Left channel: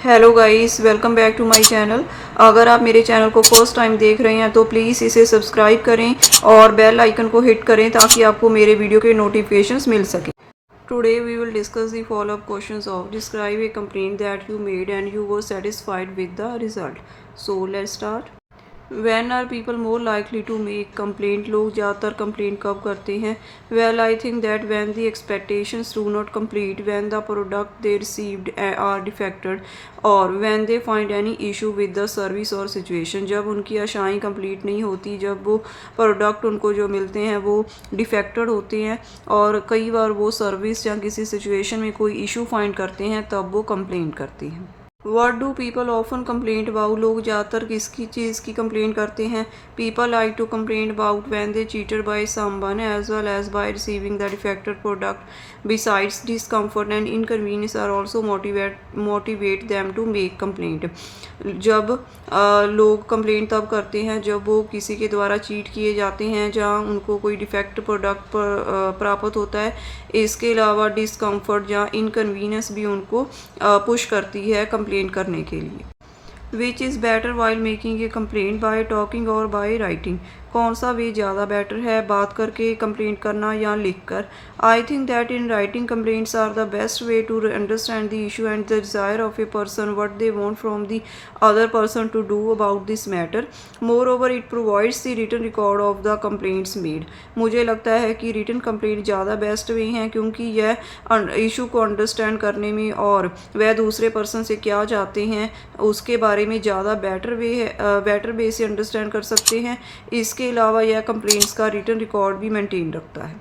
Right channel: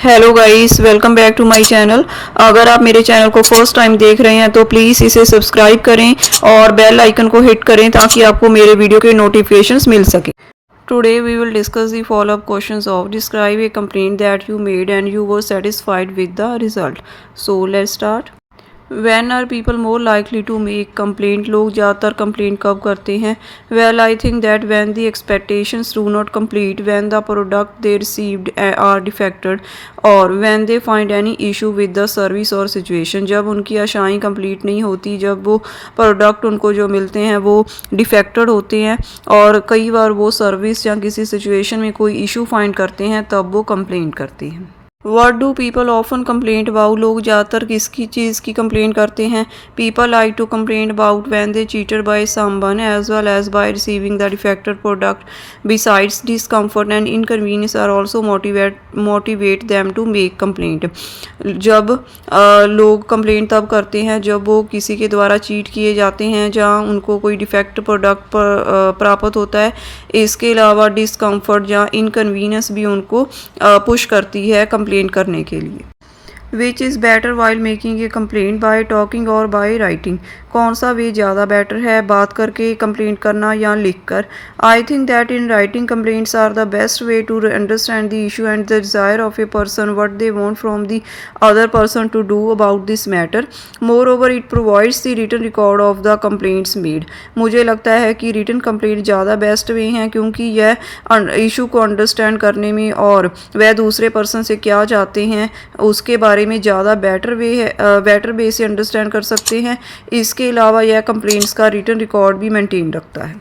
Hello guys, welcome back to my channel. अगर आप मेरे चैनल को फर्स्ट टाइम देख रहे हैं तो प्लीज़ इसे सब्सक्राइब करें और बेल आइकन को हिट करें ताकि आपको मेरे वीडियो के नोटिफिकेशंस मिल सके। Today we will discuss the follow up questions of describe a complaint that you made and you were satisfied with the result. So let's start. When are people more likely to make complaint, लोग ज़्यादातर complaint कब करते हैं? Well I think that when the expectations do not complete, when the product they received are defected, और when they find any issue with the service और situation. जब उनकी आशाएं कंप्लीट नहीं होती, जब वो प्रोडक्ट उनको जो मिलते हैं वो डिफेक्टेड होते हैं, और कई बार वो सर्विस या किसी सिचुएशन में कोई इशू फाइंड करते हैं, तब वो कंप्लेंट करते हैं। What do people often complaint about, लोग ज़्यादातर किसकी चीज़ की कंप्लेंट करते हैं? People like to complaint about when they cheated by someone as well as by receiving the defected product. Besides discomfort and inconvenience are also motivate them to make complaint. जब लोग complaint तब करते हैं जब वो किसी के द्वारा चीट किए जाते हैं, जहाँ उनको कोई डिफेक्ट प्रोडक्ट प्राप्त होता है। इसके अलावा डिसकम्फर्ट या इनकन्वीनियंस भी उनको पुश करती है कंप्लेंट करने के लिए। Which is better while making a complaint, bye talking और बाय राइटिंग? कौन सा वे ज़्यादा बेटर है, बात करके कंप्लेंट करना या लिख कर? I think that in writing complaints are the best way to understand the issue and the desire of a person, what they want from the other person to do about this matter. Moreover it provides the written record of the complaints made. मुझे लगता है कि written complaint ज़्यादा best way हैं, क्योंकि यह issue को understand करने में और वह दूसरे पर्सन से क्या चाहते हैं उसके बारे में ज़्यादा बेटर वे से अंडरस्टैंड कर सकते हैं। इसके अलावा यह कंप्लेंट्स का रिटन रिकॉर्ड भी मेंटेन रखता है।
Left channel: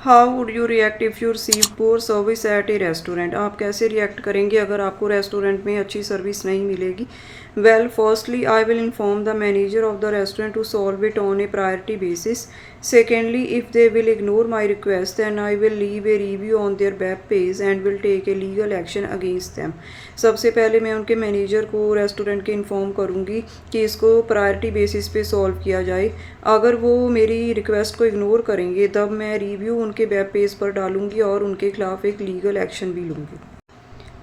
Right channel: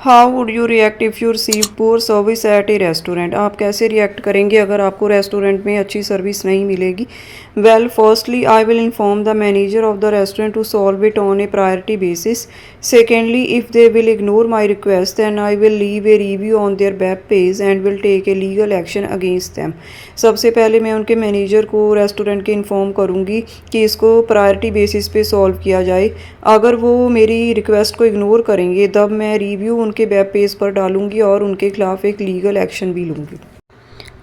How would you react if you receive poor service eight A restaurant? आप कैसे रिएक्ट करेंगे अगर आपको रेस्टोरेंट में अच्छी सर्विस नहीं मिलेगी? Well, firstly I will inform the manager of the restaurant to solve it on a priority basis. Secondly, if they will ignore my request then I will leave a review on their web page and will take a legal action against them. सबसे पहले मैं उनके manager को restaurant के inform करूँगी कि इसको priority basis पे सॉल्व किया जाए। अगर वो मेरी रिक्वेस्ट को इग्नोर करेंगे तब मैं रिव्यू उनके वेब पेज पर डालूँगी और उनके खिलाफ एक लीगल एक्शन भी लूँगी।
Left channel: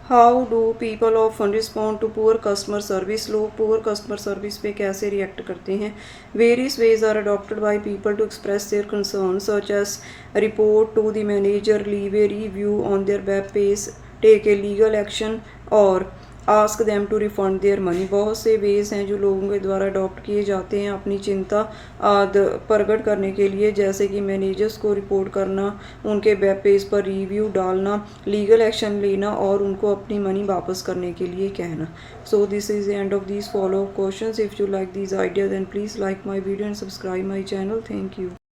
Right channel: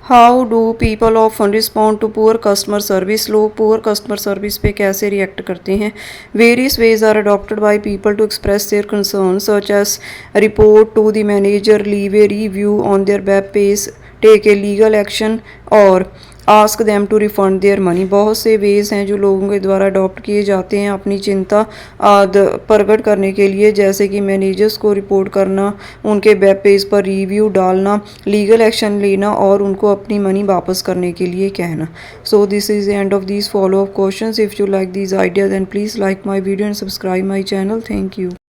How do people often respond to poor customer service, लोग पुअर कस्टमर सर्विस पे कैसे रिएक्ट करते हैं? Various ways are adopted by people to express their concern, such as report to the manager, leave a review on their web page, take a legal action और ask them to refund their money. बहुत से veg हैं जो लोगों के द्वारा adopt किए जाते हैं अपनी चिंता प्रकट करने के लिए, जैसे कि मैनेजर्स को रिपोर्ट करना, उनके वेब पेज पर रिव्यू डालना, लीगल एक्शन लेना और उनको अपनी मनी वापस करने के लिए कहना। So this is the end of these follow up questions. If you like these idea then please like my video and subscribe my channel. Thank you.